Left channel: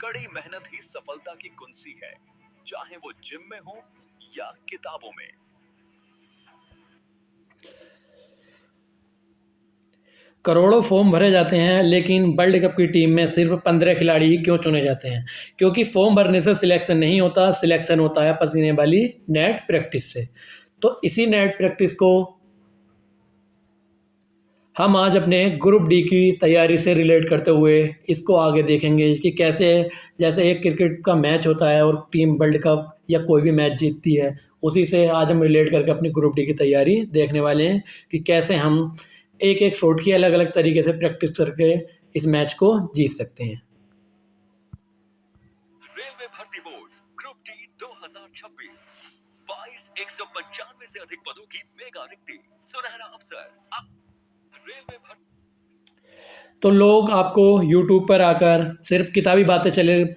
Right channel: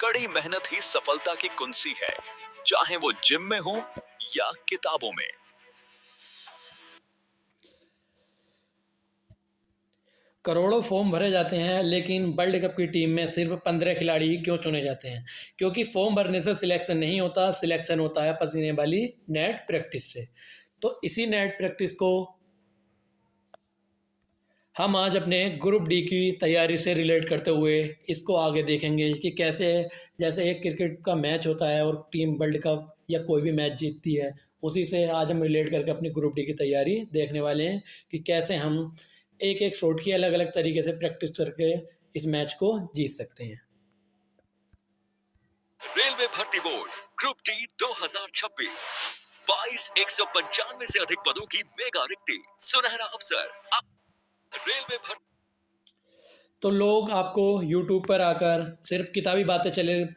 कड़ी मेहनत ही सफलता की कुंजी है, चाहे वो जिम में हो या किताबों में। करोड़ों फॉर्म भरे जाते हैं, लेकिन वर्ल्ड कप की टीम में सिर्फ 15 खिलाड़ी ही क्यों चुने जाते हैं? क्योंकि फॉर्म भरने से सिलेक्शन नहीं होता, सिलेक्शन होता है पसीने वाली नेट प्रैक्टिस से। तो इसी नेट प्रैक्टिस को हम आज अपने ग्रुप डी की तैयारी से रिलेट करते हुए इसको आगे देखेंगे कि कैसे, जैसे एक क्रिकेट का मैच होता है और टीम वर्ल्ड कप या कोई भी मैच जीतती है, उसी से आज हम रिलेट करके अपनी ग्रुप डी की तैयारी देखने वाले हैं कि कैसे हम एक एक शॉट की अलग अलग तरीके से प्रैक्टिस करके इस मैच को जीत सकते हैं। रेलवे भर्ती बोर्ड ग्रुप डी 2026, 22,195 से अधिक पदों की मेगा रिक्ति, सुनहरा अवसर। रेलवे भर्ती। तो लोग आपको यूट्यूब पर आकर सिर्फ किताबी बातें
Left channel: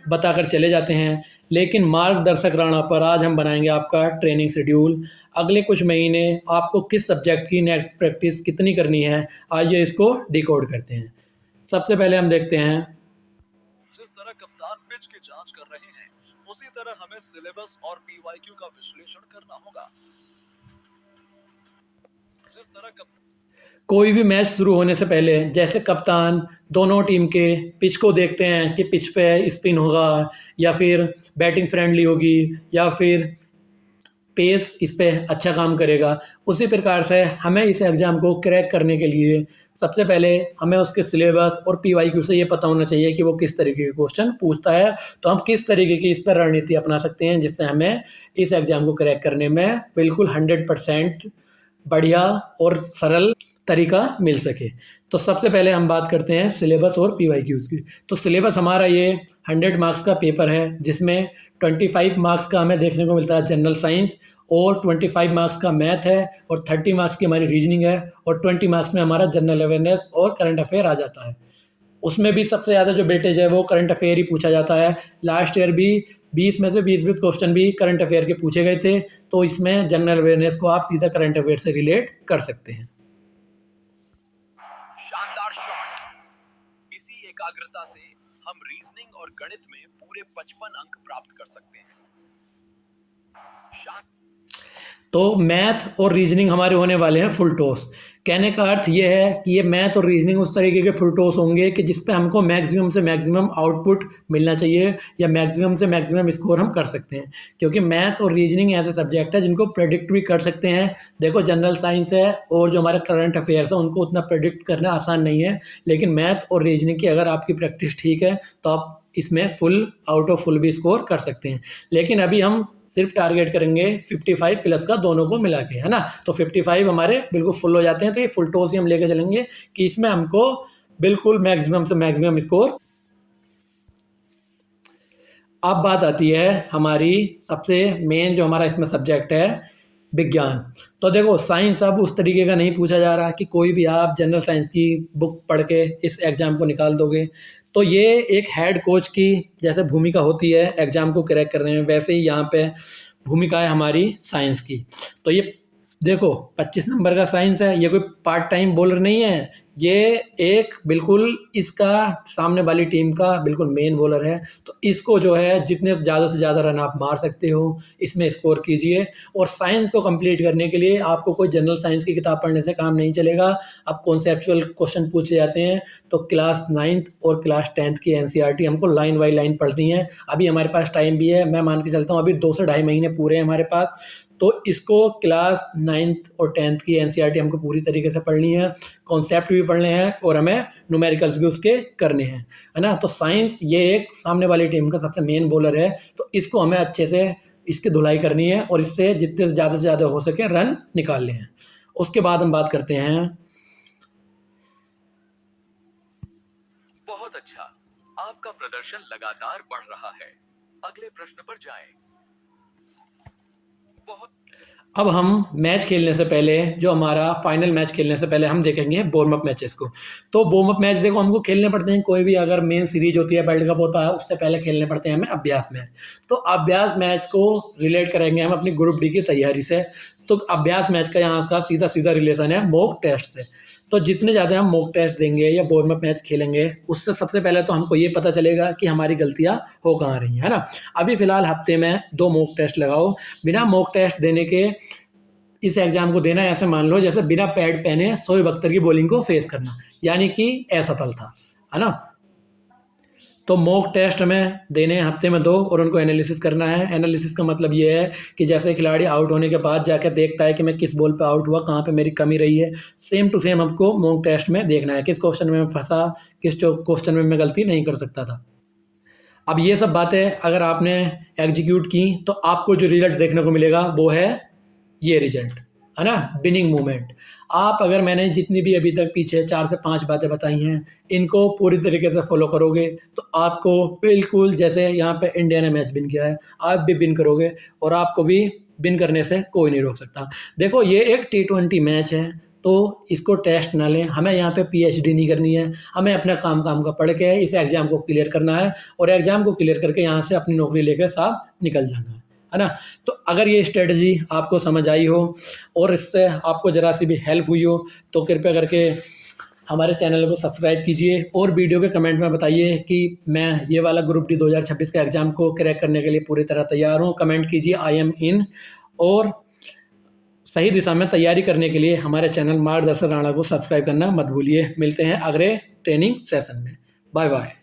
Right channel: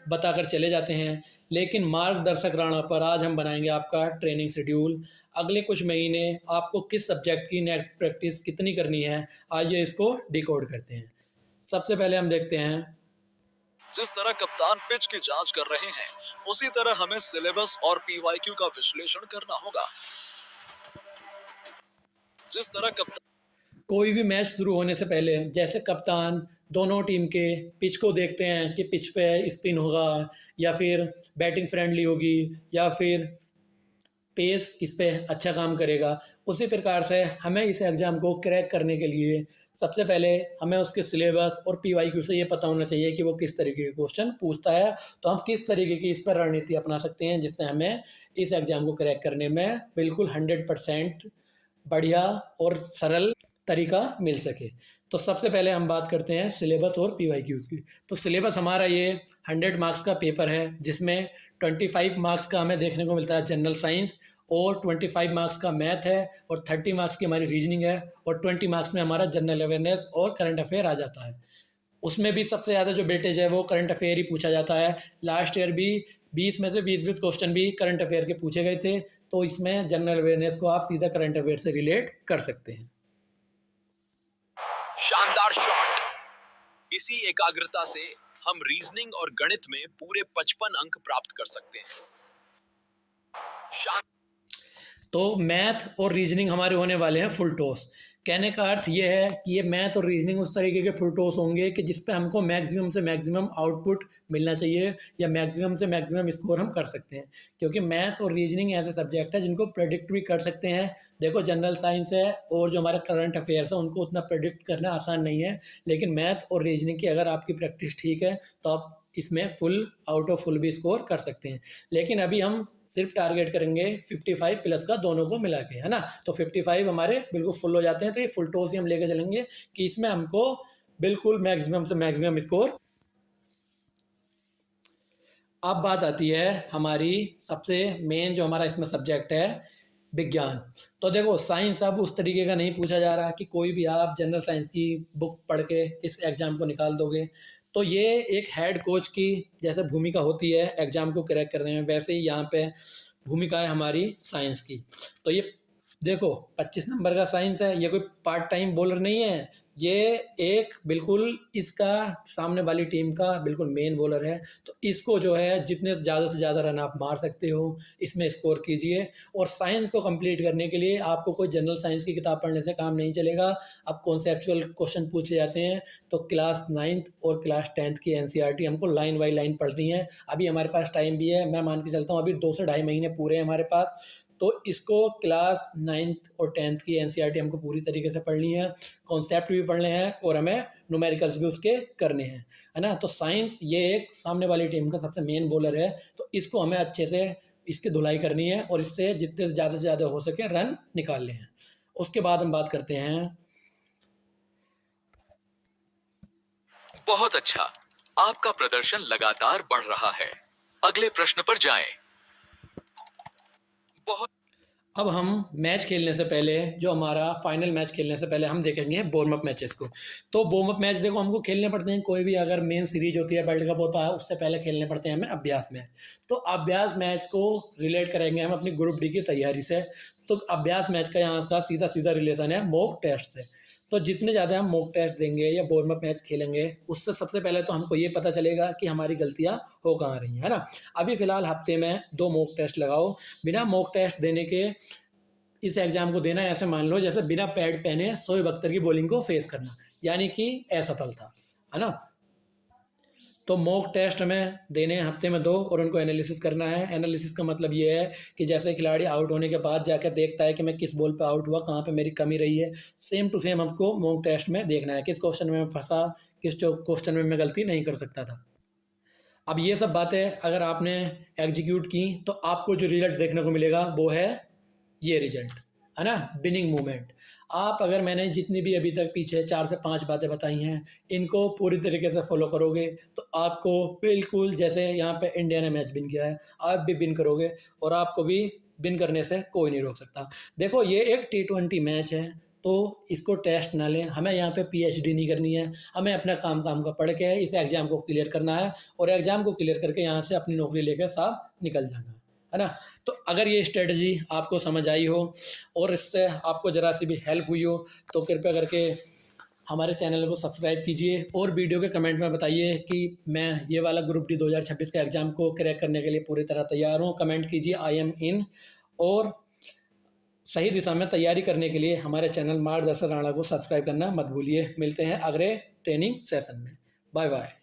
बताकर चले जाते हैं, लेकिन मार्गदर्शक राणा पर आज हम बनाएंगे आपका ट्रेनिंग शेड्यूल। अगले कुछ महीने आपको किस सब्जेक्ट की नेट प्रैक्टिस कितनी करनी है, आइए इसको डिकोड करते हैं। सबसे पहले हम देखते हैं, जिस तरह कप्तान पिच की जांच कर रहे हैं, उसी तरह हमें सिलेबस और पीवाईक्यू का विश्लेषण करना होगा। जिस तरह कप्तान कोई भी मैच शुरू होने से पहले जैसे कप्तान दोनों टीम के पिच को देखते हैं कि पिच पे स्पिन होगा या फिर बैटिंग फ्रेंडली होगी या फिर पेस इस पे अच्छा काम करेगा, उसी प्रकार से हमें इस एग्ज़ाम को क्रैक करने के लिए सबसे पहले हमें उसके सिलेबस और पीवाईक्यू से ये पता होना चाहिए कि वो किस तरीके के क्वेश्चन पूछता है। तो हम किस तरीके की इस पर रणनीति अपना सकते हैं जिससे हमें इस एग्ज़ाम को क्रैक करने में बिल्कुल 100% बढ़िया और सरल तरीका मिल सके। तो सबसे पहले हम बात करते हैं सिलेबस और पीवाईक्यूज़ की। तो सिलेबस हमारा ये 100 मार्क्स का पेपर है, जिसमें 25 मार्क्स का हमें देखने को मिलता है जनरल साइंस, और 25 मार्क्स का मैथ है, और 30 मार्क्स की हमारी रीजनिंग है, और 20 मार्क्स में हमारा जनरल अवेयरनेस और करंट अफेयर आ जाता है। उसमें भी सबसे ज़्यादा जो वेटेज है वो करंट अफेयर ही पूछा जाता है। लास्ट ईयर भी 20 में से 20-20 क्वेश्चन भी करंट अफेयर के पूछे गए थे, तो इसमें जनरल अवेयरनेस को आप सीधा करंट अफेयर से रिलेट कर सकते हैं। शानदार शॉट। इसी एकाग्रता से हम रीजनिंग और गणित में पूरे 55 अंक प्राप्त कर सकते हैं। तो मैथ और रीजनिंग हमारे होने वाले हैं फुल टॉस। कहने का अर्थ ये है कि ये मैथ और रीजनिंग उस तरीके के फुल टॉस होंगे कि जिस पे हमको मैक्सिमम से मैक्सिमम आउटपुट मिलना चाहिए या मैक्सिमम से मैक्सिमम स्कोर हम कर सकते हैं, क्योंकि मैथ और रीजनिंग ऐसे सब्जेक्ट है जिनको प्रेडिक्ट भी कर सकते हैं। देखो, जनरल साइंस है और जो हमारा करंट अफेयर्स है उनको उतना प्रेडिक्ट करना आसान नहीं है, लेकिन मैथ और रीजनिंग की अगर आपकी प्रैक्टिस ठीक है तो आप इसमें फुल आउट ऑफ फुल भी स्कोर कर सकते हैं। लेकिन अभी हम सिर्फ टारगेट करेंगे 55 प्लस का दोनों को मिला के, है ना। तो 55 हमारे बिल्कुल फुल हो जाते हैं, तो ये फुल टॉस ही हम लेके चलेंगे कि इसमें हमको बिल्कुल मैक्सिमम से मैक्सिमम स्कोर। अब बात आती है हमारी सबसे मेन जो हमारा इसमें सब्जेक्ट है, विज्ञान। तो देखो, साइंस अब उस तरीके का नहीं पूछा जा रहा कि कोई भी आप जनरल साइंस की बुक पढ़ के इस एग्ज़ाम को निकाल दोगे। तो ये एक हेड कोच की जैसे भूमिका होती है एग्ज़ाम को क्रैक करने में, वैसे ही यहाँ पे भूमिका है हमारी साइंस की। तो ये देखो, 25 नंबर का साइंस है, ये कोई पार्ट टाइम बॉलर नहीं है, ये एक बिल्कुल इसका सामने वाली टीम का बिल्कुल मेन बॉलर है। तो इसको जो है जितने से ज़्यादा रन आप मार सकते हो इसमें स्कोर कीजिए। और साइंस को कंप्लीट करने के लिए आपको कोई जनरल साइंस की किताब पढ़ने से काम नहीं चलेगा। अब कॉन्सेप्चुअल क्वेश्चन पूछे जाते हैं तो क्लास 9th और क्लास 10th की एनसीईआरटी हमको लाइन बाई लाइन पढ़नी है। अभी हमारे पास टाइम भी है, मैं मान के चलता हूँ अभी 2 से ढाई महीने पूरे हैं हमारे पास। तो इसको क्लास 9th और 10th की एनसीईआरटी हमको पूरी तरीके से पढ़नी है, कॉन्सेप्ट भी पढ़ने हैं और हमें न्यूमेरिकल्स भी उसके करने हैं, है ना। तो साइंस ये एक सामने वाली टीम का सबसे मेन बॉलर है, तो इसको हमें अच्छे से इसकी धुलाई करनी है और इससे जितने से ज़्यादा हो सके रन निकालने हैं। उसके बाद हम बात करते हैं, बहुत अच्छा, आपका प्रदर्शन लगातार बढ़ रहा है। अगले प्रश्न पर जाएं। बहुत अब हम मैच खेलने से पहले, जो हमारा फाइनल मैच खेलने से पहले हम देखेंगे वार्म अप मैचेस को। तो वार्म अप मैच देखो हमको खेलने पड़ते हैं, कोई भी अगर मेन सीरीज होती है, वर्ल्ड कप होता है, उससे पहले खेलने पड़ते हैं हमें अभ्यास मैच। तो अभ्यास मैच को रिलेट करेंगे हम अपनी ग्रुप डी की तैयारी से। तो अभ्यास मैच का यहाँ का सीधा सीधा रिलेशन है मॉक टेस्ट से। तो जितने ज़्यादा हम मॉक टेस्ट देंगे या वार्म अप मैच खेलेंगे, उससे सबसे पहले तो हमको ये पता चलेगा कि हमारी गलतियाँ हो कहाँ रही हैं, है ना? अभी फ़िलहाल हफ्ते में 2 मॉक टेस्ट लगाओ। बिना मॉक टेस्ट देने के इस एग्ज़ाम को देना है, ऐसे मान लो जैसे बिना पैड पहने शोएब अख्तर की बॉलिंग को फेस करना, यानी कि असफल था, है ना? तो मॉक टेस्ट हमें देने हैं हफ्ते में 2 और उनको एनालिसिस करना है। एनालिसिस का मतलब ये है कि जैसे खिलाड़ी आउट होने के बाद जाकर देखता है कि मैं किस बॉल पे आउट हुआ, कहाँ पे मेरी कमी रही है, सेम टू सेम हमको मॉक टेस्ट में देखना है, किस क्वेश्चन में मैं फँसा, किस जो क्वेश्चन में मैं गलती नहीं कर सकता था। अब ये सब बातें अगर आपने एग्जीक्यूट की तो आपको जो रिजल्ट देखने को मिलेगा वो है ये रिजल्ट, है ना? Winning movement. आप अगर मैंने जितनी भी अभी तक पीछे 4 से 5 बातें बताई हैं, इनको पूरी तरीके से फ़ॉलो करोगे तो आपको बिल्कुल जैसे यहाँ पे इंडिया ने मैच विन किया है, आप भी विन करोगे और आपको भी विन करने से कोई नहीं रोक सकता। देखो ये एक टी20 मैच है, तो इसको टेस्ट ना लें, हमें यहाँ पे पीएचडी नहीं करनी है, हमें अपना काम का पढ़ के इस एग्ज़ाम को क्लियर करना है और एग्ज़ाम को क्लियर करके यहाँ से अपनी नौकरी लेकर साफ निकल जाना है ना? तो अगर ये स्ट्रेटजी आपको समझ आई हो और इससे आपको ज़रा सी भी हेल्प हुई हो, तो कृपया करके हमारे चैनल को सब्सक्राइब कीजिए और वीडियो के कमेंट में बताइए कि मैं ये वाला ग्रुप डी 2026 का एग्ज़ाम को क्रैक करने के लिए पूरी तरह तैयार हूँ। कमेंट कीजिए आई एम इन और सही दिशा में तैयारी करने के लिए हमारे चैनल मार्गदर्शन राणा को सब्सक्राइब करना मत भूलिए। मिलते हैं अगले ट्रेनिंग सेशन में। Bye bye.